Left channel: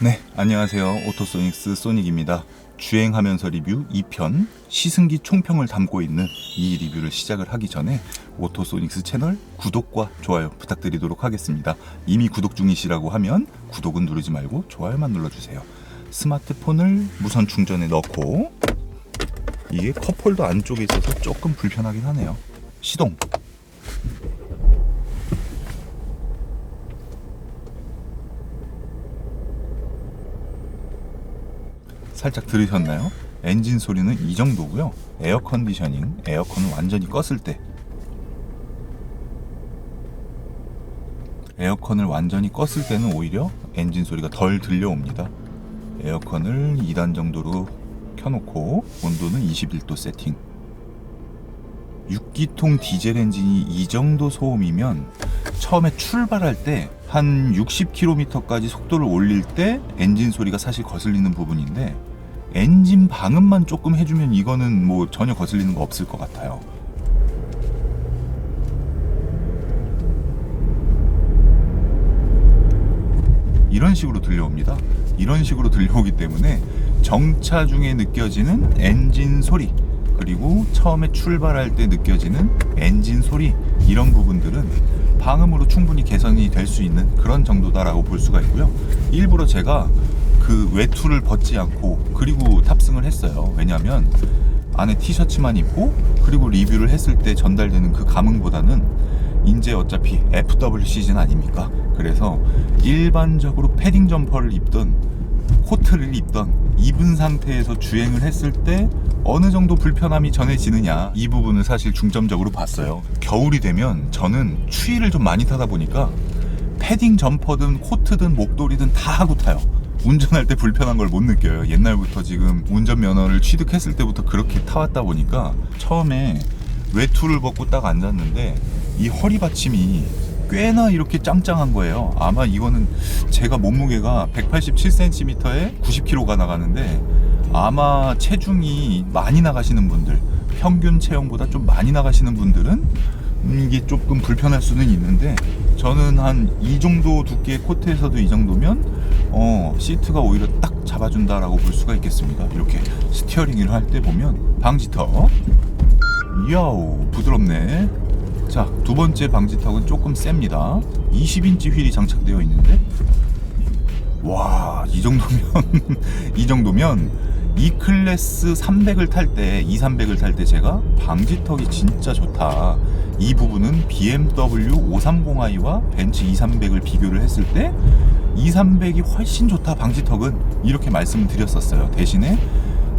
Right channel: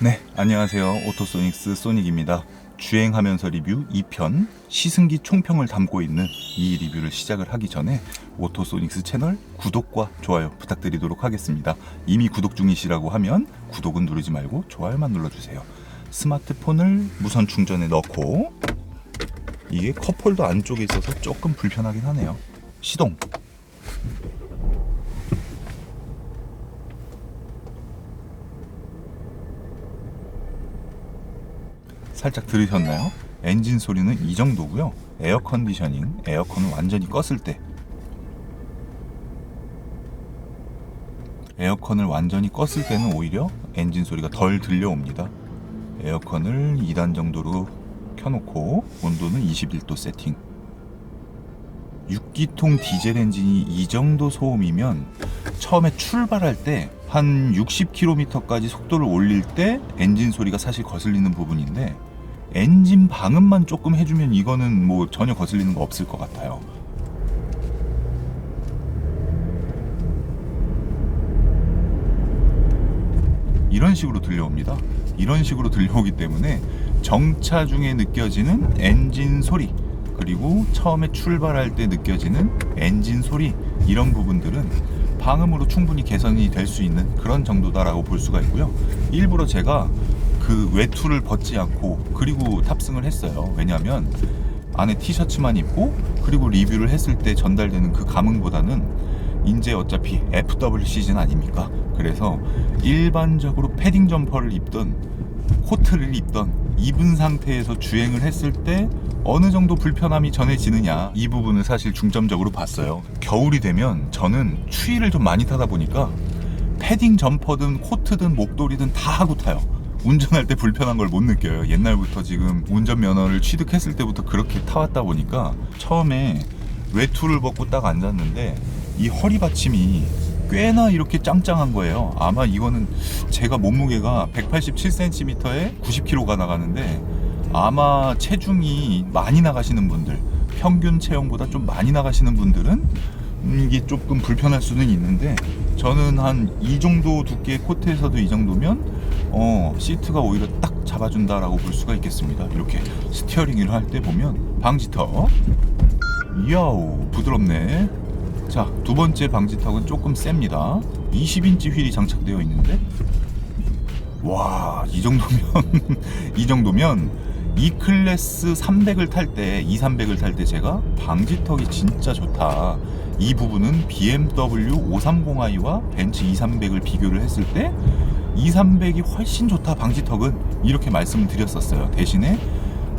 네, 안녕하세요. 오토소닉스 소닉입니다. 주행하면서 리뷰 2편 시승기 총평을 담고 있는 이 리뷰를 시작을 하기 전에 오토소닉스 채널 구독과 좋아요 부탁드리도록 하겠습니다. 이미 구독 중이시라고 하면 구독은 누르지 말고 좋아요만 눌러주세요. 스마트폰을 무선 충전에 넣고, 이게 컵홀더 안쪽에 있어서 조금 불편하긴 하네요. 시동. 살짝 들으셨나요? 엔진 소리는 이 정도고요. 에어 컨디셔닝, 에어컨을 완전히 껐을 때, 에어컨을 완전히 껐을 때는 오히려 엔진 소리가 덜 들려옵니다. 에어컨을 2단 정도로 켜놓고 온도는 21도 세팅. 6기통 디젤 엔진이 이 정도 소음이면 처음에 출발할 때 한 60km까지 속도를 올릴 때 엔진 소리가 사실 거슬리는 부분인데, 엔진 방음만 조금 해주면 이거는 뭐 전혀 거슬리는 거 없을 것 같아요. 이런 식으로 들려옵니다. 이런 식으로 들려오기 때문에 정차 중에 느껴지는 엔진 소리, 그리고 처음에 출발할 때 느껴지는 엔진 소리, 이런 부분들은 방음으로 충분히 개선이 될 수 있는 그런 정도다라고 볼 수가 있고요. 일부러 제가 그 외투를 벗지 않고 그리고 탑승을 했어요. 왜냐하면 안에 티셔츠만 입고 그리고 리뷰를 했을 때 전달되는 그 감흥보다는 이제 어차피 FW 시즌 아닙니까? 그래서 일반적으로 패딩 점퍼를 입던 코트를 입던 입은 상태에서 주행을 했을 때 어느 정도 불편함이 전해지느냐, 이 부분을 사실 중점적으로 봤어요. 겨울이 되면 저는 추위를 좀 많이 타다 보니까 패딩 점퍼든 코트든 목도리든 다 하고 타요. 운전할 때 불편한 걸 못 느껴요. 옛날부터 지금 운전면허를 취득했을 때부터 그렇게 타왔다 보니까 처음에 외투를 벗고 딱 앉았는데 이 허리 받침이 꽤나 이렇게 짱짱한 거예요. 아마 이거는 제가 몸무게가 187cm에 90kg가 나가는데, 아마 체중이 많이 나가시는 분들, 평균 체형보다 좀 많이 나가시는 분들은 이게 조금 불편할 수는 있는데, 저는 한 이 정도 두께의 코트에서도 이 정도면 시트가 오히려 딱 잡아준다라고 볼 수가 있겠습니다. 이렇게 스티어링을 할 때 보면 방지턱, 이야우 부드럽네. 자, 두 번째 방지턱은 조금 셉니다. 20인치 휠이 장착되어 있는데, 와, 이 정도면 이 정도면 E클래스 300을 탈 때, E300을 탈 때 제가 방지턱이 진짜 좋다, 이 부분은 BMW 530i와 벤츠 E300을 비교를 했을 때 E300이 훨씬 좋다 방지턱은, 이렇게 말씀을 드렸었어요. 대신에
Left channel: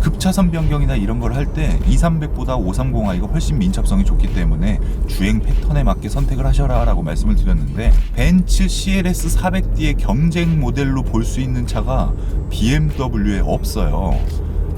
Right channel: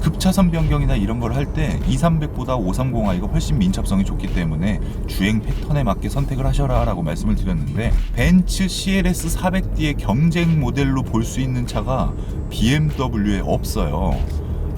급차선 변경이나 이런 걸 할 때 E300보다 530i가 훨씬 민첩성이 좋기 때문에 주행 패턴에 맞게 선택을 하셔라 라고 말씀을 드렸는데, 벤츠 CLS 400D의 경쟁 모델로 볼 수 있는 차가 BMW에 없어요.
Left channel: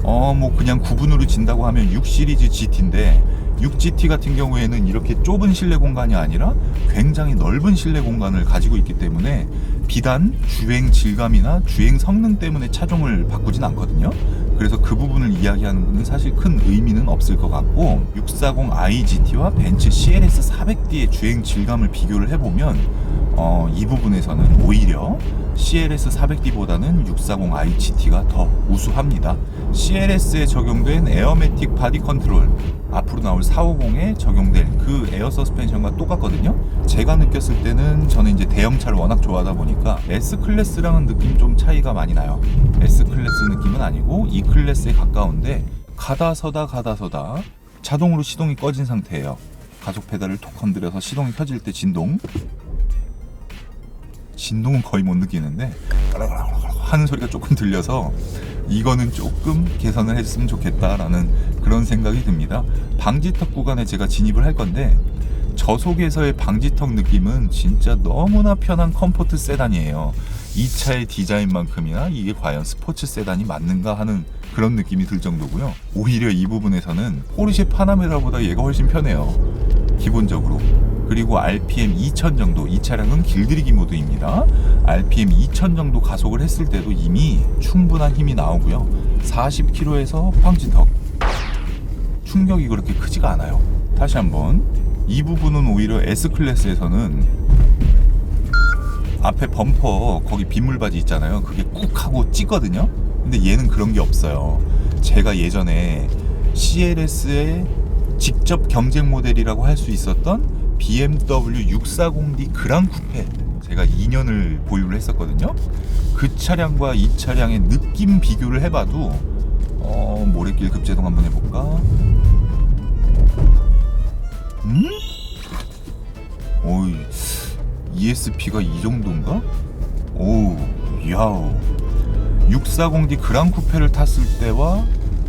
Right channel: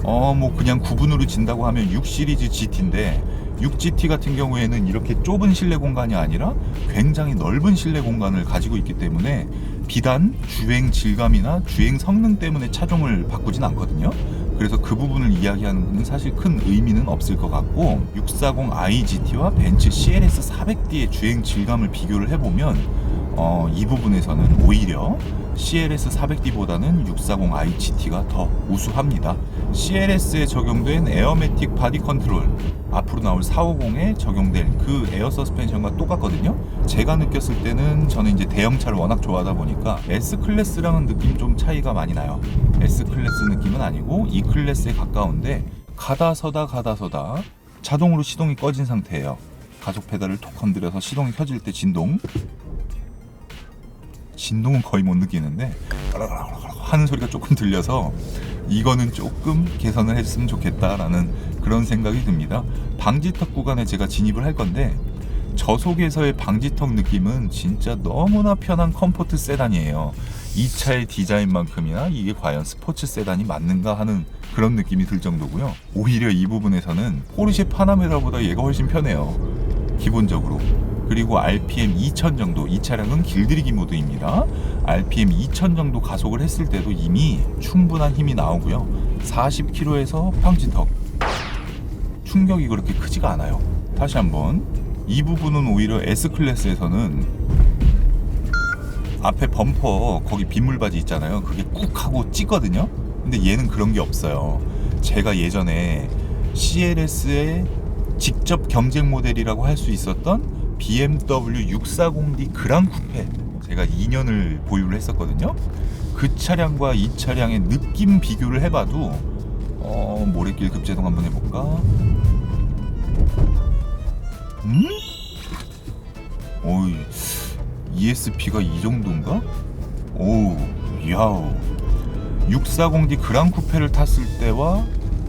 뭐 그냥 구분으로 진다고 하면 6 시리즈 GT인데, 6GT 같은 경우에는 이렇게 좁은 실내 공간이 아니라 굉장히 넓은 실내 공간을 가지고 있기 때문에 비단 주행 질감이나 주행 성능 때문에 차종을 바꾸진 않거든요. 그래서 그 부분을 이야기하는 분은 사실 큰 의미는 없을 것 같고, 640i GT와 벤츠 CLS 400D의 주행 질감을 비교를 해보면 이 부분에서는 오히려 CLS 400D보다는 640i GT가 더 우수합니다. CLS에 적용된 에어매틱 바디 컨트롤, 앞으로 나올 450에 적용될 그 에어 서스펜션과 똑같거든요. 제가 느꼈을 때는, 저는 이제 대형차를 워낙 좋아하다 보니까 S클래스랑은 느낌 좀 차이가 많이 나요. S클래스 느낌은 아니고 E클래스에 가까운데, 가다 서다 자동으로 시동이 꺼진 상태예요. 가속 페달을 톡 건드려서 시동이 켜질 때 진동은 거의 못 느끼는데 하는 소리가 조금 들려서 이거는 조금 개선을 했으면 좋겠다라는 그런 생각이 듭니다. 방지턱 구간에 제가 진입을 할 건데, 저속에서의 방지턱 느낌은 진짜 너무나 편한 컴포트 세단이에요. 이 차의 디자인만큼이나 이게 과연 스포츠 세단이 맞는가 하는 그런 느낌이 들 정도고요. 오히려 이 부분에서는 포르쉐 파나메라보다 얘가 훨씬 편해요, 기본적으로. 그리고 RPM 2000 정도, 이 차량은 길들이기 모드입니다. RPM 2000 정도 가속을 했을 때도 이미 충분한 힘이 나오고요. 40km에서 방지턱 충격이 그렇게 크지가 않아요. 다시 한번, 이 부분은 오히려 S클래스에서는 앞에 범퍼 거기 빗물바지 있잖아요. 그게 꾹 하고 찌거든요. 근데 얘는 그런 게 없어요. 제가 예전에 CLS의 직접 경쟁 모델이라고 할 수 있었던 BMW 640D 그랑 쿠페, 제가 2년을 보유를 했었거든요. 그 차량과 이 차량의 느낌 비교를 해봐도 모래길 급제동 한번 해볼까? 오이, ESP가 이 정도인가? 오우, 야우. 640D 그랑 쿠페를 탔을 때와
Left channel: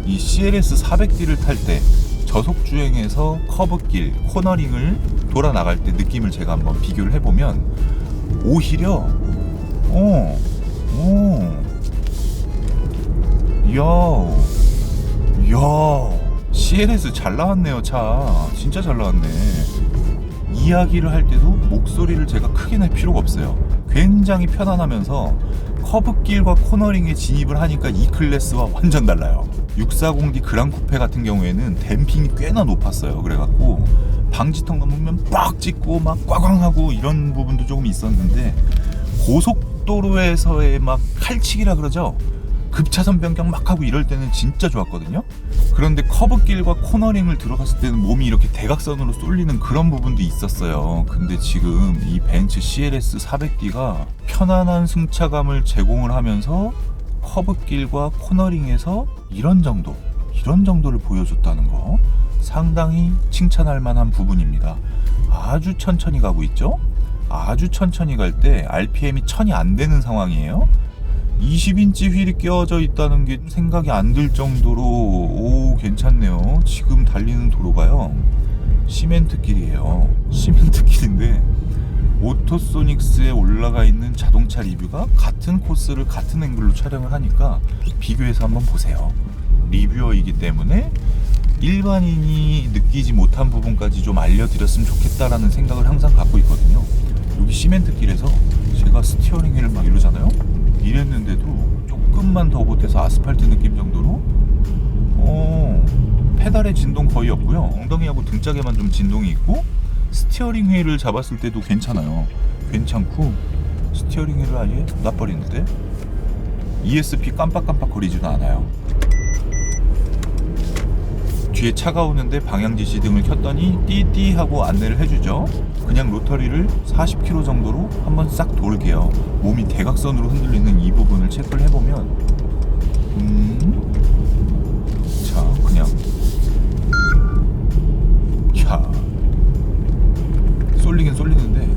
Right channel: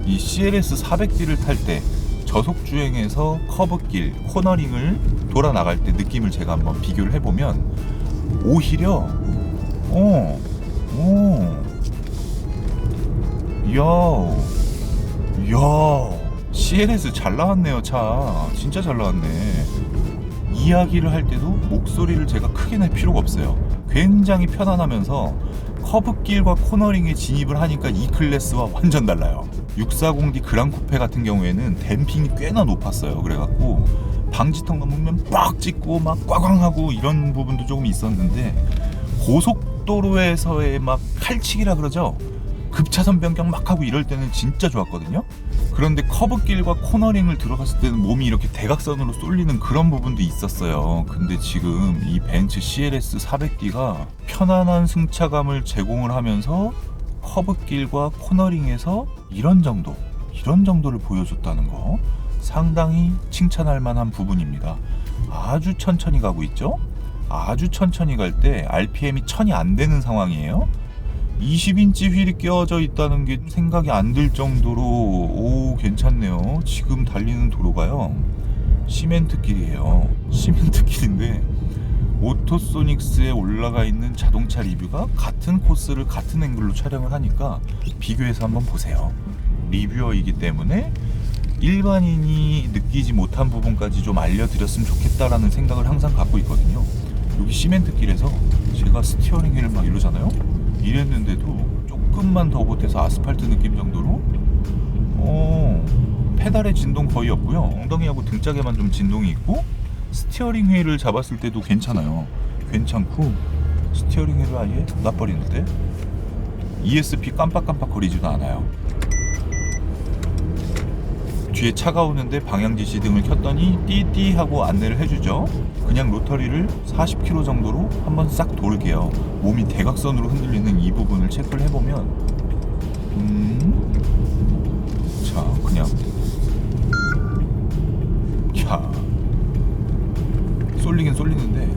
이 CLS 400D를 탈 때 저속 주행에서 커브길, 코너링을 돌아 나갈 때 느낌을 제가 한번 비교를 해보면 오히려 야 CLS 잘 나왔네요. 차 진짜 잘 나왔네. 이야기를 할 때도 목소리를 제가 크게 낼 필요가 없어요. 굉장히 편안하면서 커브길과 코너링에 진입을 하니까 이 클래스와 완전 달라요. 640D 그랑 쿠페 같은 경우에는 댐핑이 꽤나 높았어요. 그래갖고 방지턱 넘으면 빡 찍고 막 꽝꽝하고 이런 부분도 조금 있었는데, 고속도로에서의 막 칼치기라 그러죠. 급차선 변경 막 하고 이럴 때는 진짜 좋았거든요. 그런데 커브길과 코너링을 들어갔을 때는 몸이 이렇게 대각선으로 쏠리는 그런 부분도 있었어요. 근데 지금 이 벤츠 CLS 400D가 편안한 승차감을 제공을 하면서 커브길과 코너링에서 이런 정도를 보여줬다는 거 상당히 칭찬할 만한 부분입니다. 아주 천천히 가고 있죠. 아주 천천히 갈 때 RPM이 1000이 안 되는 상황이에요. 20인치 휠이 끼워져 있다는 게 생각이 안 들 정도로 오 괜찮네요. 지금 달리는 도로가요 시멘트길이에요. 시멘트길인데 오토소닉스에 올라가 있는 자동차 리뷰가 같은 코스를 같은 앵글로 촬영을 하니까 비교해서 한번 보세요. 리뷰어이기 때문에 일반인이 느끼지 못한 부분까지 좀 알려드렸으면 좋겠다라는 생각을 항상 갖고 있거든요. 여기 시멘트길에서 제가 스티어링 휠을 막 이러잖아요. 이랬는데도 조금만 더 보태서 아스팔트 느낌 정도로 페달의 진동 거의 없고요. 엉덩이하고 등짝에만 좀 진동이 있고, 스티어링 휠을 잡았을 때도 괜찮아요. 괜찮고 스티어링 휠을 아예 놔버리는데 ESP 깜빡깜빡 거리지도 않아요. 뒤에 차가 오는데 방향지시등을 켰더니 띠띠 하고 안내를 해주죠. 그냥 로터리를 40km 정도로 한번 싹 돌게요. 몸이 대각선으로 흔들리는 이 부분을 체크를 해보면 자 그냥 야 쏠리긴 쏠리는데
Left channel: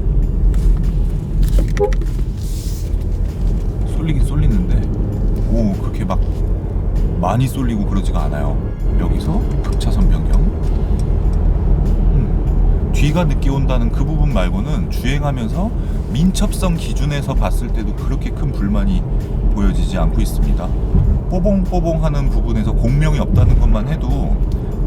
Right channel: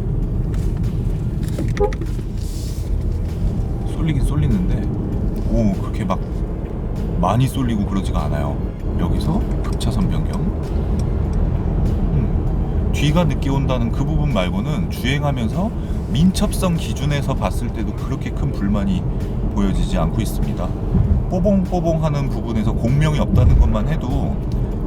오 그렇게 막 많이 쏠리고 그러지가 않아요. 여기서 급차선 변경 뒤가 늦게 온다는 그 부분 말고는 주행하면서 민첩성 기준에서 봤을 때도 그렇게 큰 불만이 보여지지 않고 있습니다. 뽀봉뽀봉 하는 부분에서 공명이 없다는 것만 해도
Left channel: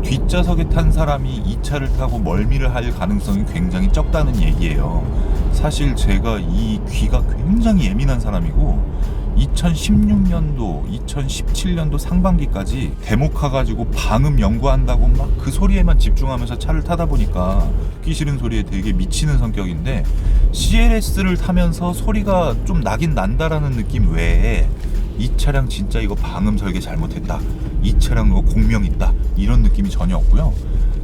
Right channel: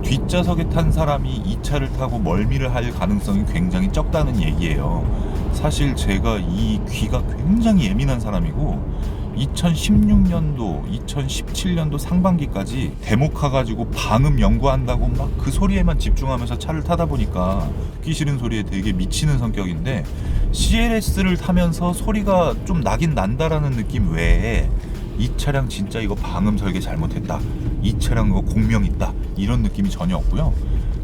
뒷좌석에 탄 사람이 이 차를 타고 멀미를 할 가능성이 굉장히 적다는 얘기예요. 사실 제가 이 귀가 굉장히 예민한 사람이고 2016년도, 2017년도 상반기까지 데모카 가지고 방음 연구한다고 막 그 소리에만 집중하면서 차를 타다 보니까 듣기 싫은 소리에 되게 미치는 성격인데, CLS를 타면서 소리가 좀 나긴 난다라는 느낌 외에 이 차량 진짜 이거 방음 설계 잘못했다, 이 차량 이거 공명 있다, 이런 느낌이 전혀 없고요.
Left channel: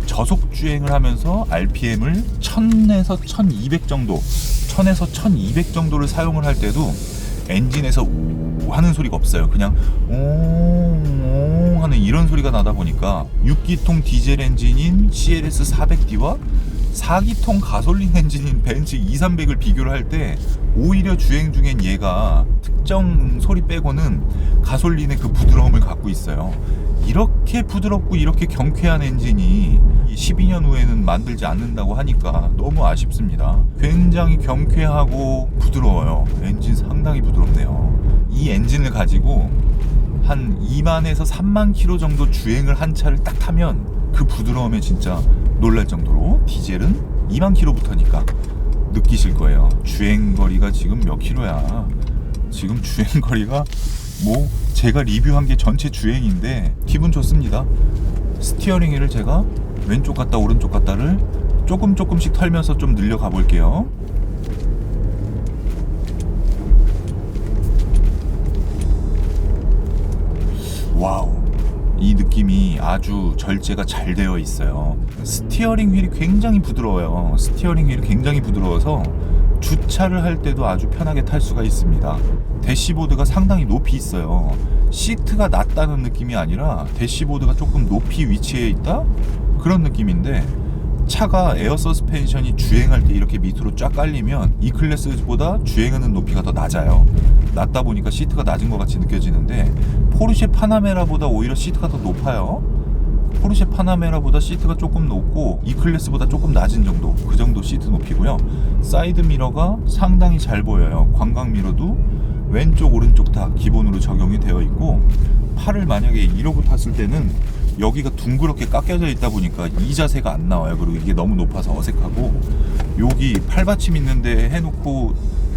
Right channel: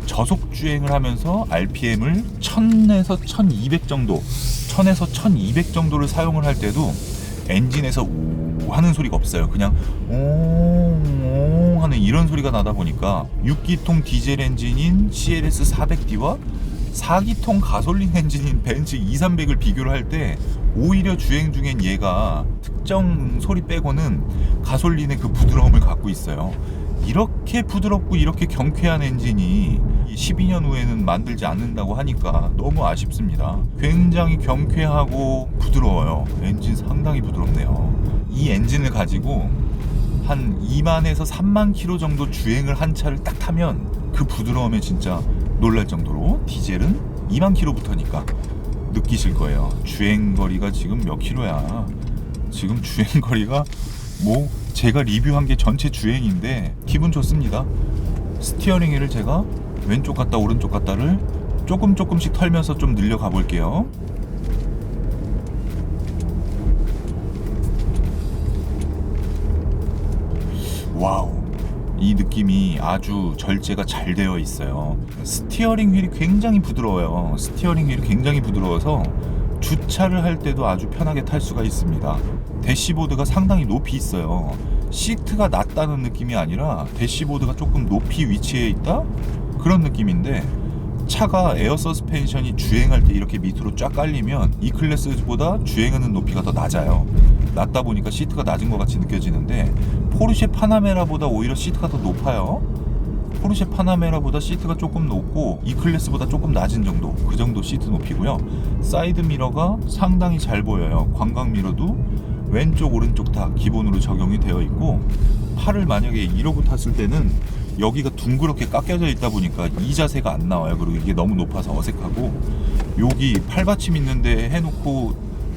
저속 주행을 하면서 RPM을 1000에서 1200 정도, 1000에서 1200 정도를 사용을 할 때도 엔진에서 오 하는 소리가 없어요. 그냥 오 하는 이런 소리가 나다 보니까 6기통 디젤 엔진인 CLS 400D와 4기통 가솔린 엔진인 벤츠 2300을 비교를 할 때 오히려 주행 중엔 얘가 특정 소리 빼고는 가솔린의 그 부드러움을 갖고 있어요. 이렇게 부드럽고 이렇게 경쾌한 엔진이 12년 후에는 만들지 않는다고 하니까 너무 아쉽습니다. 굉장히 경쾌하고 부드러워요. 엔진 상당히 부드럽네요. 이 엔진을 가지고 한 2만에서 3만 킬로 정도 주행을 한 차를 딱 타면 그 부드러움에 진짜 놀랄 정도로, 디젤은 2만 킬로부터니까 느끼실 거예요. 주행거리가 지금 몇 킬로야. 지금 주행거리가 뭐 제가 리뷰한 게 전체 주행인데 기분 좋습니다. 스티어링 휠을 제가 왼쪽 갔다 오른쪽 갔다를 조금씩 털면서 좀 늘려가 볼게요. 와우, 이 느낌이 아주 절제가 잘 되어 있어요. 스티어링 휠이 굉장히 부드러워요. 스티어링 휠이 굉장히 부드러워서 주차를 할 때도 아주 편하게 탈 수가 있습니다. 대시보드가 상당히 높이 있어요. 시트가 낮다는 느낌이 아니라 대시보드가 조금 높이 위치해 있다? 그런 느낌인데, 차가 에어 서스펜션이 주행할 때 이렇게 밑으로 쫙 깔리면 이 클래스보다 주행하는 높이가 더 낮아요. 낮다 보니까 시트가 낮은 것 같이 느껴지는데, 포르쉐 파나메라보다 오히려 시트가 더 높아요. 포르쉐 파나메라보다 시트가 조금 높고 이 클래스보다 조금 낮은 정도, 그 정도 시트 높이고요. 사이드 미러가 상당히 잘 보여요. 광각 미러도 왼쪽 오른쪽 다 기본으로 적용이 되어 있고, 팔을 만약에 이러고 탔을 때는 여기가 둥그렇게 깎여져 있다 보니까 이 자세가 안 나와요. 그리고 이게 너무 높아서 어색하고, 여기 팔받침 있는데 해놓고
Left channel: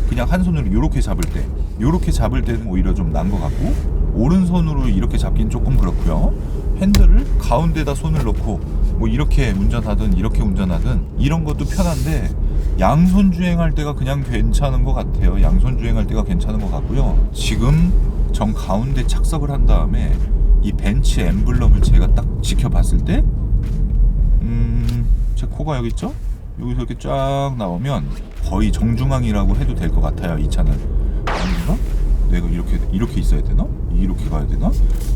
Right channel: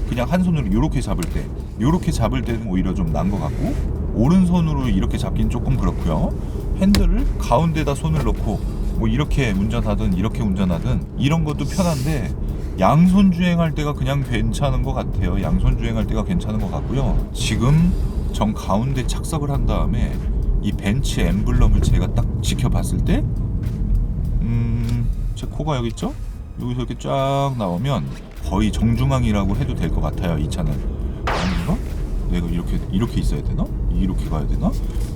그냥 한 손으로 이렇게 잡을 때는 오히려 좀 난 것 같고, 오른손으로 이렇게 잡긴 조금 그렇고요. 핸들을 가운데다 손을 넣고 뭐 이렇게 운전하든 이렇게 운전하든 이런 것도 편한데, 양손 주행할 때가 그냥 괜찮은 것 같아요. 양손 주행할 때가 괜찮은 것 같고요. 지금 정 가운데 착석을 한 다음에 이 벤츠 엠블럼을 제가 딱 지켜봤을 때, 제 코가 여기 있죠? 여기서 이렇게 쫙 나오면 거의 정중앙이라고 해도 될 것 같아요. 이 차는 아닌가? 내가 이렇게 있어야 되나? 이렇게 가야 되나?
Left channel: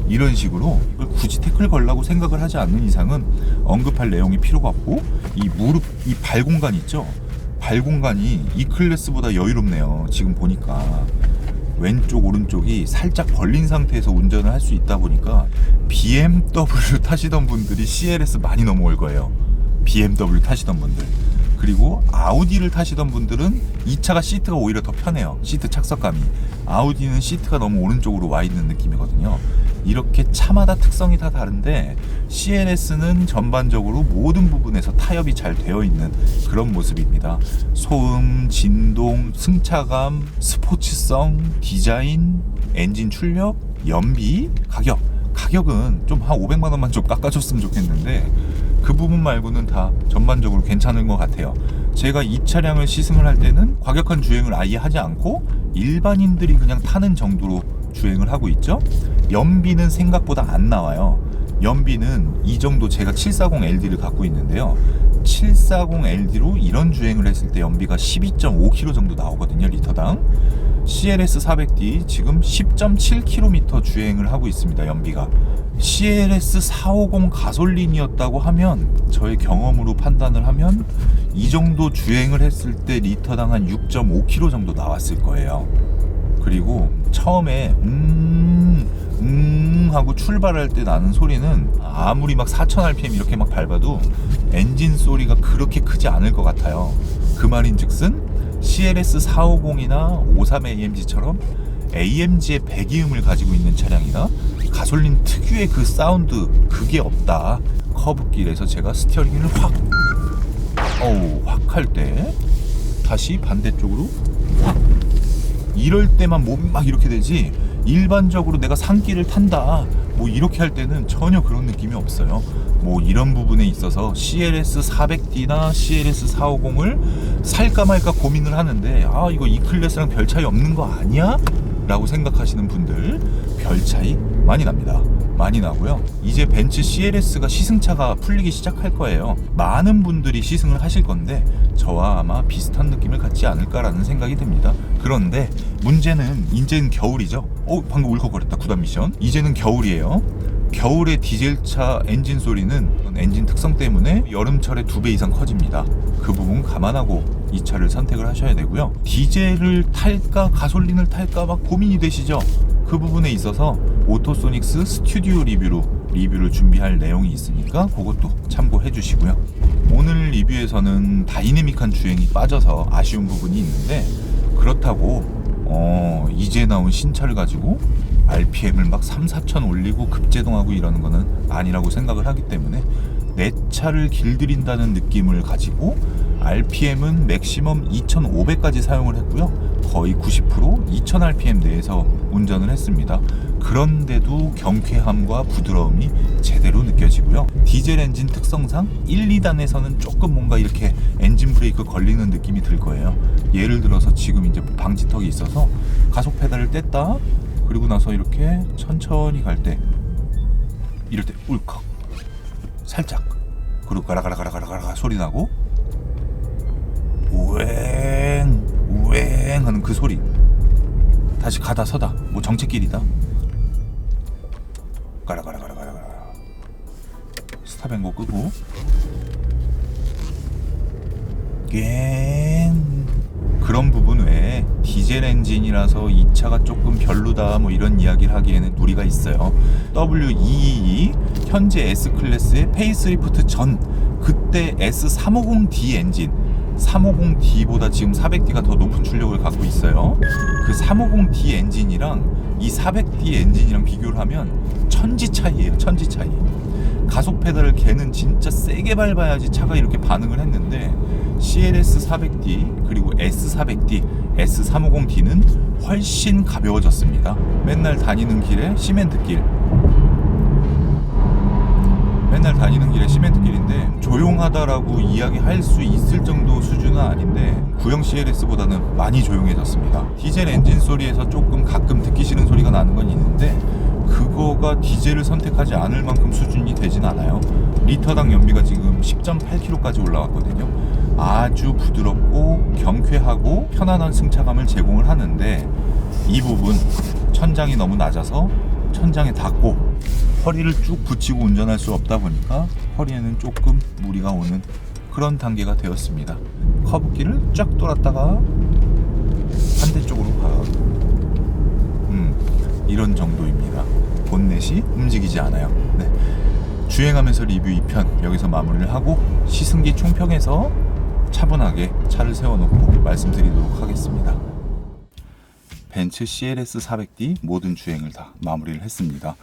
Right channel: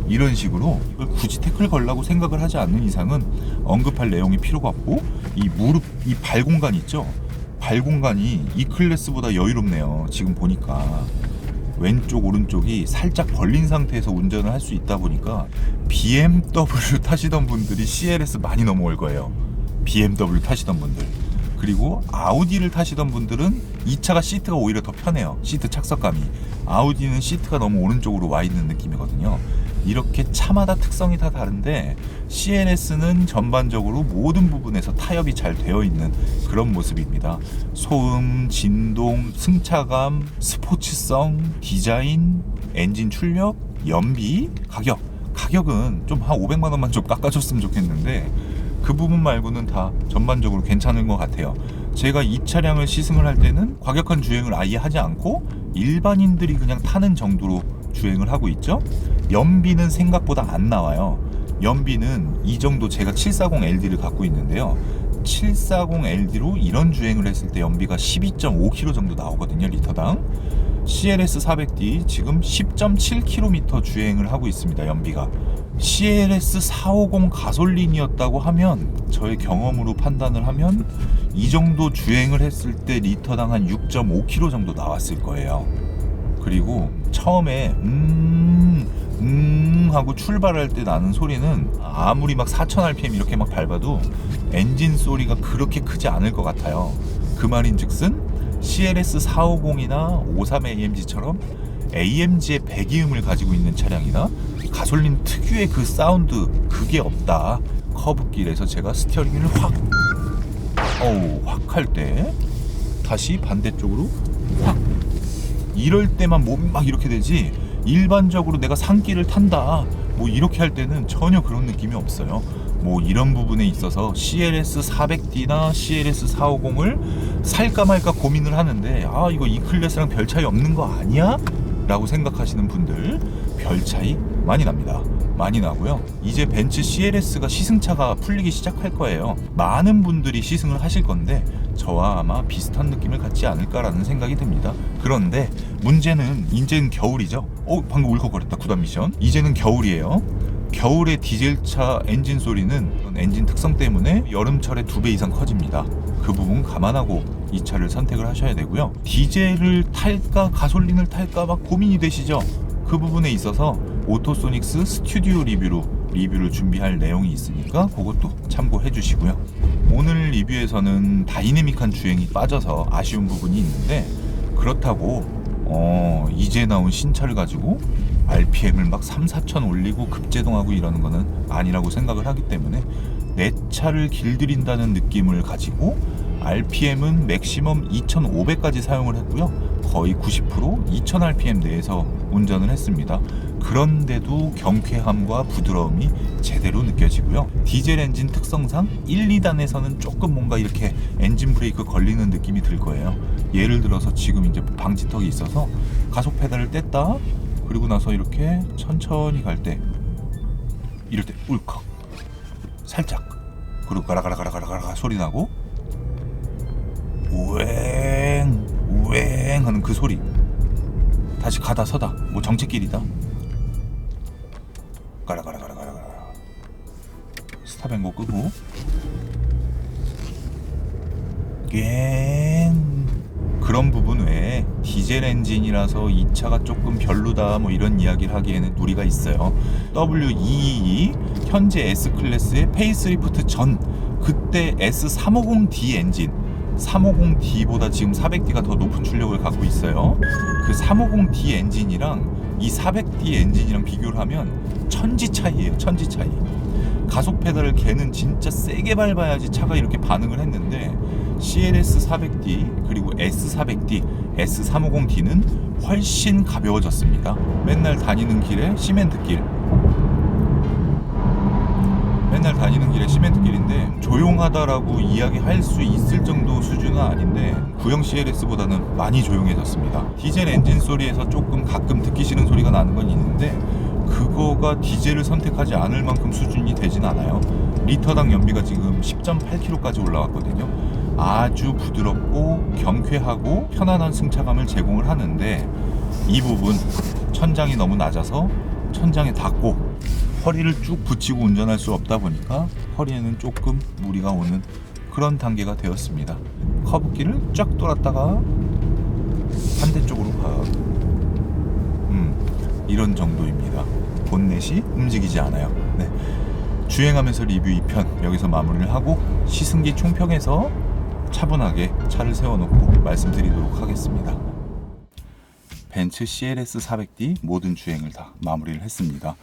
이런 식으로 이걸 굳이 태클 걸라고 생각을 하지 않는 이상은 언급할 내용이 필요가 없고, 이 무릎, 이 발 공간 있죠? 발 공간이 이 클래스보다 여유롭네요. 지금 보니까 왼쪽 오른쪽이 살짝 벌린 상태에서 운전을 할 수 있다 보니까 BMW 타시던 분들이 CLS 많이 넘어올 거예요. BMW 타시던 분들, 그리고 아우디를 타시던 분들은 이 차가 시트가 오히려 더 편해요. 시트 착석감이. 아우디는 시트가 너무 오른쪽으로 와 있는 느낌이거든요. 이렇게 차마다 특성이 다 다른데, CLS는 전반적으로 모든 부분에서 타협이 잘 되어 있는 그런 모습입니다. 소음, 진동, 승차감, 스포츠성, 디자인, 엔진 출력, 연비, 가격은 좀 한 500만 원만 좀 깎아줬으면 좋겠는데, 그 부분 말고는 다 전반적으로 괜찮은 것 같아요. 제가 이 차량을 시승을 할 때는 과격한 주행을 아예 하지 않고 일반인들이 그냥 타는 정도로 주행을 하고 있죠. 연비는 생각보다 안 나와요. 연비는 이 정도, 제가 740LD를 갖고 있는데요. 740LD로 이런 주행을 했을 때 연비가 12.5km 정도 나오거든요, 리터당. CLS 400D 지금 10.7km 주행을 하고 있습니다, 연비가. CLS 450 가솔린이었다고 하면, 저의 경험으로 판단을 하면 이 정도 주행을 했을 때 리터당 한 6.5km 정도 나왔을 거예요. 그리고 처음에 하고 출발할 때 나는 소리는 아무리 막 4000rpm 이렇게 막 밟아도 엔진 소리가 그렇게 크지 않을 것 같아요. 그 말인즉슨 CLS 450이나 53AMG처럼 AMG의 배기음을 가지고 있는 차량이나 가솔린 특유의 그 사운드, 그게 없다. 커브길에서 제가 스티어링을 확 할 때 다시 반대쪽으로 확, 이럴 때만 몸이 막 이렇게 되지, 일반적으로 내가 산길을 탄다 뭐 이렇게 할 때는 전혀 그런 느낌이 없어요. 뭐 이런 부분에 있어서 CLS 400D나 CLS 450을 살까 말까 고민을 하는데, 이거 이 클래스랑 별 차이 없는 거 아니야? 라고 생각하시는 분들, 별 차이 많이 납니다. 많이 나고요. 이제 벤츠 CLS가 시승차가 풀리기 시작할 거예요. 많은 분들이 시승을 하실 건데 저와 아마 비슷한 느낌을 갖지 않을까라는 생각이 듭니다. 그런데 문제는 이제는 겨울이죠. 방금 울컥거렸다. 구단 미션. 이제는 겨울이에요. 겨울의 디젤차 엔진 소리는 엔진 특성 때문에 여름철에 2배 이상 커집니다. 그 부분 감안하고 이 차를 선택을 하셔야 되고요. 디젤을 탈까 가솔린을 탈까 막 고민이 되시죠? 그 부분에 있어서 오토소닉스 스튜디오 리뷰를 준비할 내용이 있으니까 그것도 참고해 주시고요. 오늘 리뷰에서는 다이내믹한 주행이 빠져서 아쉬운 부분이 있는데, 그렇다고 이제 나온 신차를 가지고 RPM을 막 3-4천 올리고 급제동하고 이러는 거는 아니라고 생각을 하기 때문에, 내 차를 길들인다는 느낌을 가지고 RPM은 맥시멈 2,500까지 사용을 했고요. 거의 90% 2,000rpm 내에서 운전을 했습니다. 그런데도 경쾌함과 부드러움이 제대로 느껴지고요. 디젤 엔진 특성상 1, 2단에서는 조금 뭔가 이렇게 엔진 브레이크 걸리는 느낌이 들 거예요. 예를 들어서 지금 이제 방지턱이 있어서 가속 페달을 뗐다, 그리고 나서 이렇게 천천히 갈 때 이럴 때 울컥 살짝, 그리고 가라가라가라가라 소리 나고 우행 우행 하는 그 소리, 다시 가다 서다 뭐 정체길이다 가라가라가라가라 스탑앤고 끄고 꽹. 그런 부분 외에 디젤 엔진이라서 이 차가 조금 별로다 뭐 이런 이야기를 하기에는 무리가 있어요. W222 현재 S클래스의 페이스리프트 전 그때 S350D 엔진, 350D보다 지금 400D가 더 높은 출력을 갖고 있어요. 그 350D 엔진이랑 이 400D 엔진이랑 비교를 하면 천지 차이예요. 천지 차이. 가속 페달을 걔는 진짜 세게 밟아야지 차가 이렇게 반응을 했는데 CLS 400D 그리고 S400D, S350D는 훨씬 가벼워졌습니다. 맨날 다니는 길에 시멘트길인데 조용하다라고 이야기할 수 있을 정도 수준은 아닌데 구형 CLS보다는 많이 조용해졌습니다. 디젤 엔진 소리에서 조금 가끔 듣기 싫은 소리가 나는 건 있는데 그거가 디젤을 선택하지 않을 만큼 수준이 되진 않아요. 리터당 연비가 지금 10.8km까지 올라왔거든요. 아주 부드럽고 경쾌하고 편안한 승차감을 제공을 하는데 이 부분 천장이 너무 낮아서 천장에 닿고 허리를 쭉 붙이고 운전할 수 없다 보니까 허리에는 조금 무리가 오는 그런 단계가 되었습니다. 커브길을 쫙 돌았다가 반대쪽으로 가. 이런 정도입니다. 본넷이 움직이지 않아요. 네. 주행하면서 리뷰 2편 여기서 마무리를 하고 시승기 총평에서 차분하게 차를 세워놓고 말씀드리도록 하겠습니다. 벤츠 CLS 400D 모든 주행을 다 마무리를 했습니다.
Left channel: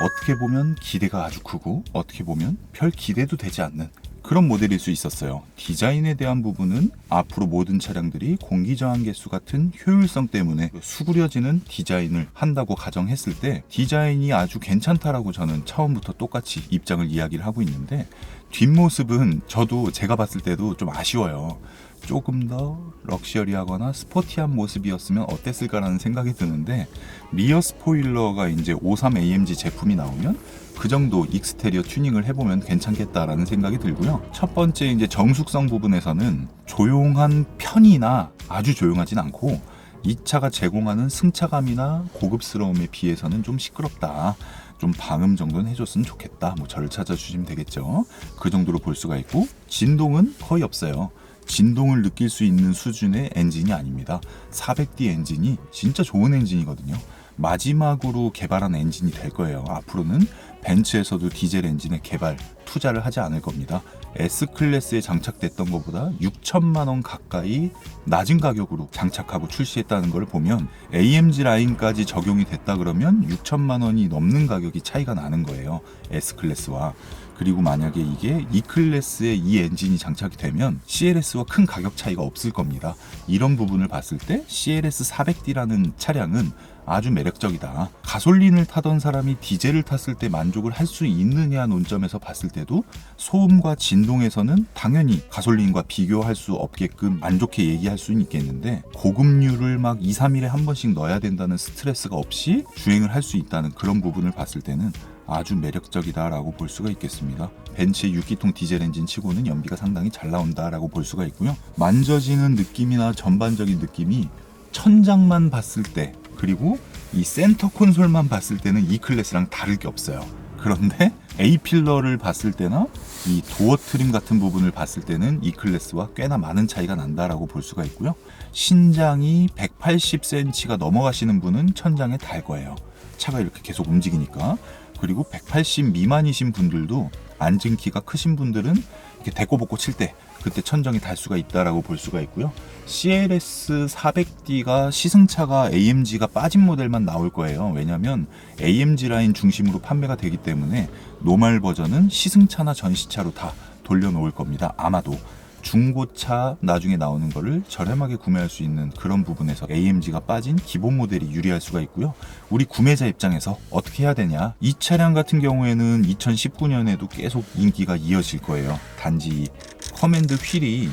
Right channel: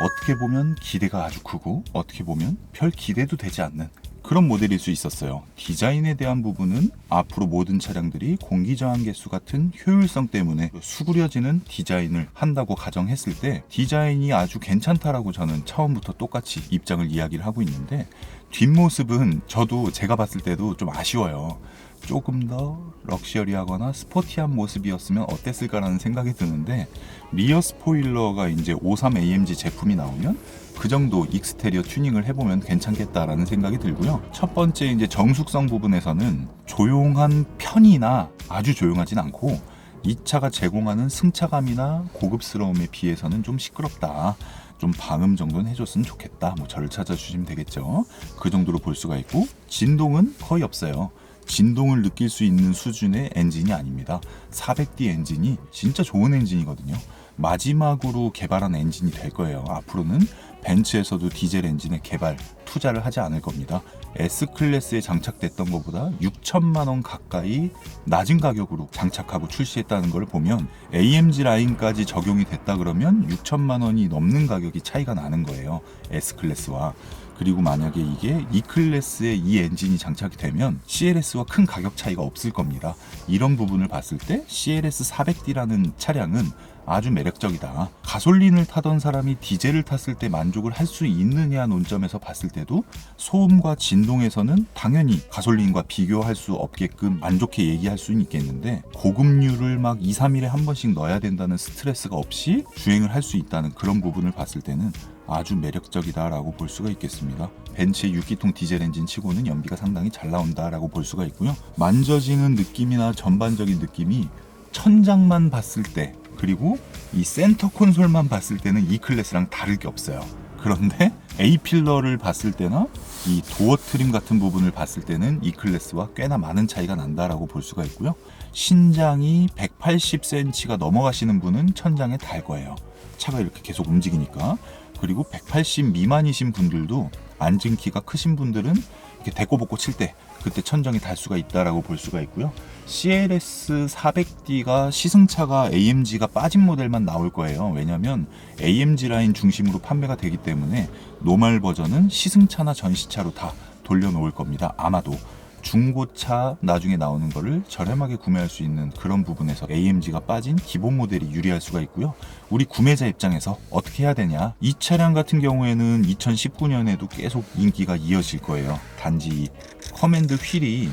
어떻게 보면 기대가 아주 크고 어떻게 보면 별 기대도 되지 않는 그런 모델일 수 있었어요. 디자인에 대한 부분은 앞으로 모든 차량들이 공기저항 개수 같은 효율성 때문에 수그려지는 디자인을 한다고 가정했을 때 디자인이 아주 괜찮다라고 저는 처음부터 똑같이 입장을 이야기를 하고 있는데 뒷모습은 저도 제가 봤을 때도 좀 아쉬워요. 조금 더 럭셔리하거나 스포티한 모습이었으면 어땠을까라는 생각이 드는데 리어 스포일러가 이제 53AMG 제품이 나오면 그 정도 익스테리어 튜닝을 해보면 괜찮겠다라는 생각이 들고요. 첫 번째 이제 정숙성 부분에서는 조용한 편이나 아주 조용하진 않고 이 차가 제공하는 승차감이나 고급스러움에 비해서는 좀 시끄럽다. 좀 방음 정도는 해줬으면 좋겠다. 뭐 저를 찾아주시면 되겠죠. 그 정도로 볼 수가 있고 진동은 거의 없어요. 진동을 느낄 수 있는 수준의 엔진이 아닙니다. 400D 엔진이 진짜 좋은 엔진이거든요. 마지막으로 개발한 엔진이 될 거예요. 앞으로는 벤츠에서도 디젤 엔진에 개발 투자를 하지 않을 겁니다. S클래스에 장착됐던 것보다 6천만 원 가까이 낮은 가격으로 장착하고 출시했다는 걸 보면 AMG 라인까지 적용이 됐다 그러면 6천만 원이 넘는 가격이 차이가 나는 거예요. S클래스와. 그리고 만약에 이게 E클래스에 이 엔진이 장착이 되면 CLS와 큰 가격 차이가 없을 겁니다. 이런 부분을 봤을 때 CLS 400D라는 차량은 아주 매력적이다. 가솔린을 타던 사람이 디젤을 탔을 때 만족을 할 수 있느냐 논점에서 봤을 때도 소음과 진동에서는 당연히 가솔린과 비교할 수 없게끔 안 좋게 얘기할 수는 있겠는데 고급류를 막 2, 3일에 한 번씩 넣어야 된다는 스트레스가 없이 주행을 할 수 있다는 그런 부분을 봤을 때는 아주 매력적이다라고 볼 수가 있겠습니다. 벤츠의 6기통 디젤 엔진 치고는 연비가 상당히 잘 나온다라고 볼 수가 있고요. 만져지는 느낌이나 전반적인 느낌이 천장만 봤을 때 그리고 이 센터 콘솔만 봤을 때는 E클래스랑 다를 게 없어요. 그런데 A필러를 봤을 때나 이 도어 트림 같은 부분을 봤을 때는 E클래스와 꽤나 많은 차이가 난다라고 볼 수가 있고요. 신장이 180cm가 넘어가시는 분은 천장에 달 거예요. 차가 이렇게 계속 움직이니까. 그리고 180 미만이신 분들도 앉은 키가 크신 분들은 이렇게 대꼬복고 칠 때 그때 천정이 달 수가 있다라고 볼 수가 있고요. CLS 400D가 시승차가 AMG가 빠진 모델만 나올 거예요. 왜냐하면 AMG 라인 중심으로 판매가 되기 때문에 노멀 버전은 시승차나 전시차로 다 돌려놓을 겁니다. 아마도 중고차 나중에 나오는 거를 저렴하게 구매할 수 있는 그런 부분에서 AMG가 빠진 기본 모델이 유리할 수가 있고요. 우리 구매자 입장에서 어떻게 해야 되냐? 이 차량 같은 경우에는 2019년에도 계속 인기가 이어질 거예요. 단지 커맨드 휠이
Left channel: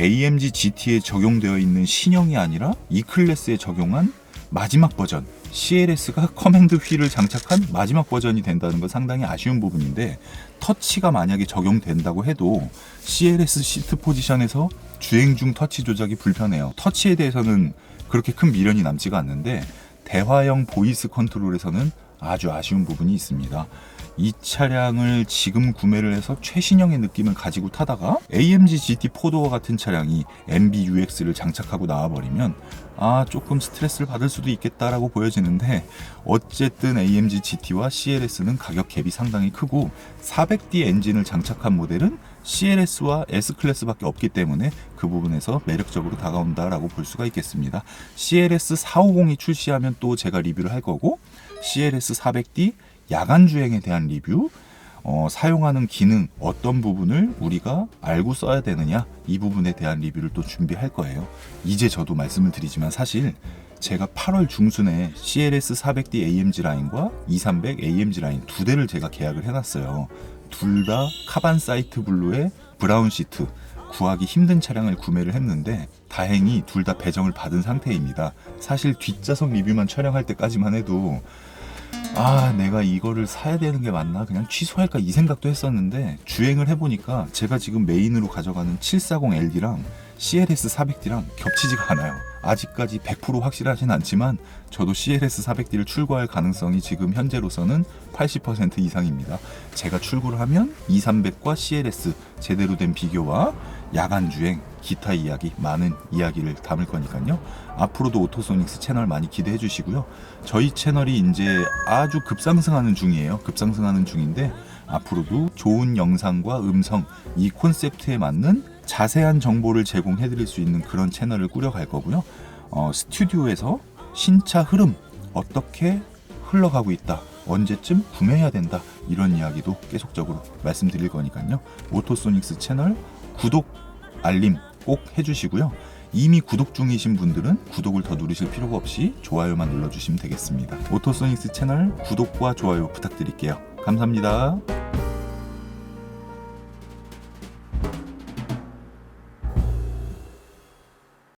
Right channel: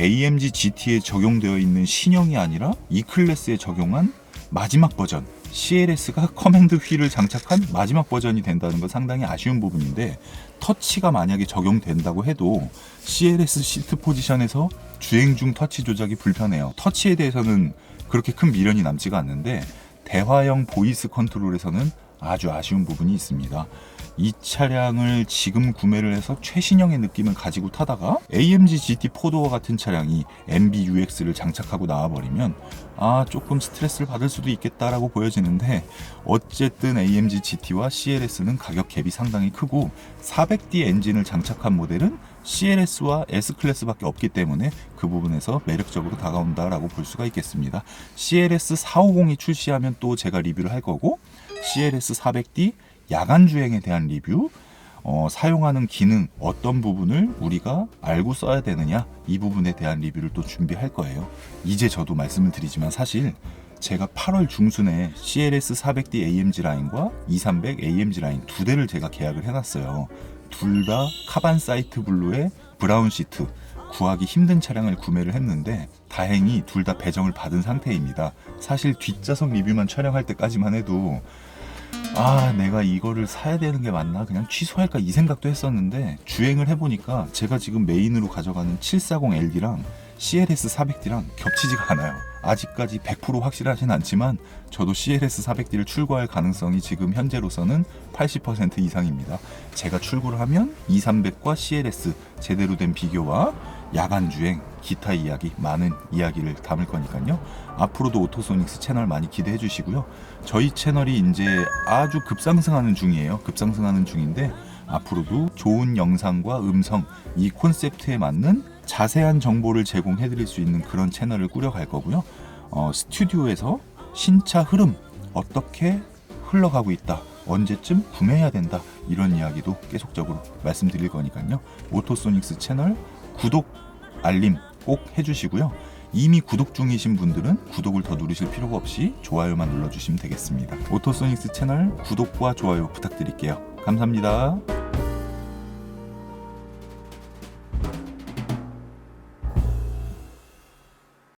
AMG GT에 적용되어 있는 신형이 아니라 E클래스에 적용한 마지막 버전 CLS가 커맨드 휠을 장착한 마지막 버전이 된다는 건 상당히 아쉬운 부분인데, 터치가 만약에 적용된다고 해도 CLS 시트 포지션에서 주행 중 터치 조작이 불편해요. 터치에 대해서는 그렇게 큰 미련이 남지가 않는데 대화형 보이스 컨트롤에서는 아주 아쉬운 부분이 있습니다. 이 차량을 지금 구매를 해서 최신형의 느낌을 가지고 타다가 AMG GT 4도어 같은 차량이 MBUX를 장착하고 나와버리면 조금 스트레스를 받을 수도 있겠다라고 보여지는데, 어쨌든 AMG GT와 CLS는 가격 갭이 상당히 크고 400D 엔진을 장착한 모델은 CLS와 S클래스밖에 없기 때문에 그 부분에서 매력적으로 다가온다라고 볼 수가 있겠습니다. CLS 450이 출시하면 또 제가 리뷰를 할 거고, CLS 400D 야간 주행에 대한 리뷰, 사용하는 기능, 어떤 부분을 우리가 알고 써야 되느냐, 이 부분에 대한 리뷰를 또 준비할 거예요. 이제 저도 말씀을 드리지만 사실 제가 8월 중순에 CLS 400D AMG 라인과 2300 AMG 라인 두 대를 제가 계약을 해놨어요. 둘 다 카반 사이트 블루의 브라운 시트, 구하기 힘든 차량을 구매를 했는데 다행히 둘 다 배정을 받은 상태입니다. 사실 뒷좌석 리뷰만 촬영할 때까지만 해도 내가 이거를 사야 되는 게 맞나, 그냥 취소할까 이 생각도 했었는데, 주행을 해보니까 제가 지금 메인으로 가져가는 740LD랑 CLS 400D랑 겹치지가 않아요. 아직까지 100% 확실하진 않지만 저도 CLS 400D를 출고할 가능성이 지금 현재로서는 80% 이상입니다. 제가 출고를 하면 2300과 CLS 제대로 된 비교와 야간 주행, 기타 이야기, 많은 이야기를 담을 거니까요. 앞으로도 오토소닉스 채널 많이 기대해 주시고요. 저희 채널이 이제 아주 급상승하는 중이에요. 급상승하는 중인데 앞으로도 좋은 영상과 음성, 이 콘셉트에 맞는 자세한 정보를 제공해 드릴 수 있는 그런 채널을 꾸려갈 거고요. 스튜디오에서 신차 흐름, 어떻게 흘러가고 있다, 언제쯤 구매해야 된다, 이런 이야기도 계속적으로 말씀드릴 거니까요. 오토소닉스 채널 구독, 알림 꼭 해주시고요. 이미 구독 중이신 분들은 구독을 더 누르실 필요가 없이 좋아요만 눌러주시면 되겠습니다. 오토소닉스 채널 구독과 좋아요 부탁드릴게요. 감사합니다.